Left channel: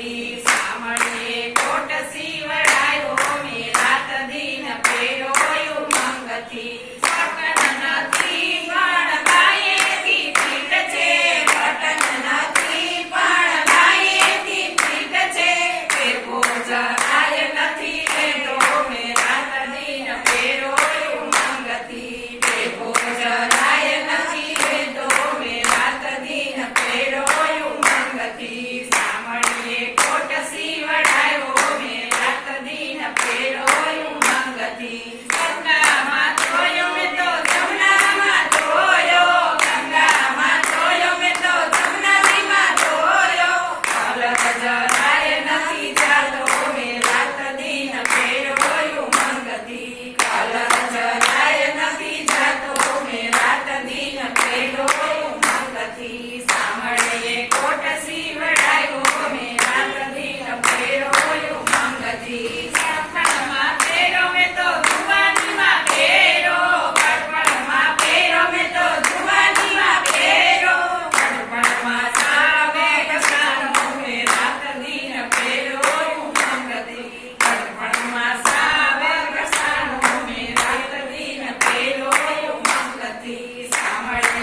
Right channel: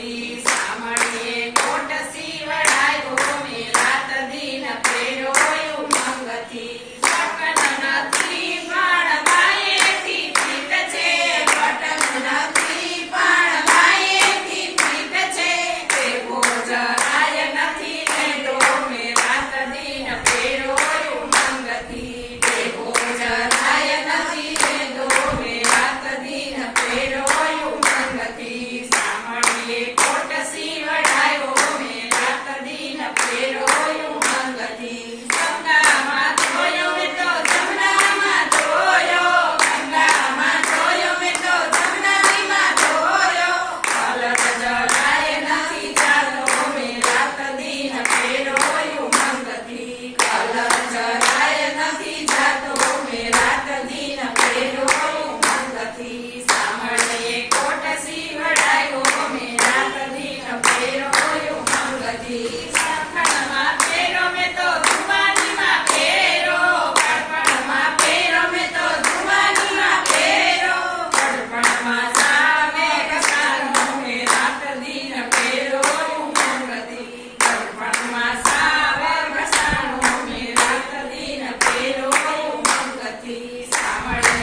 મંગતી સાંભળીએ feelings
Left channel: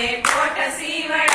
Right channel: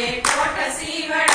también corta el ciber.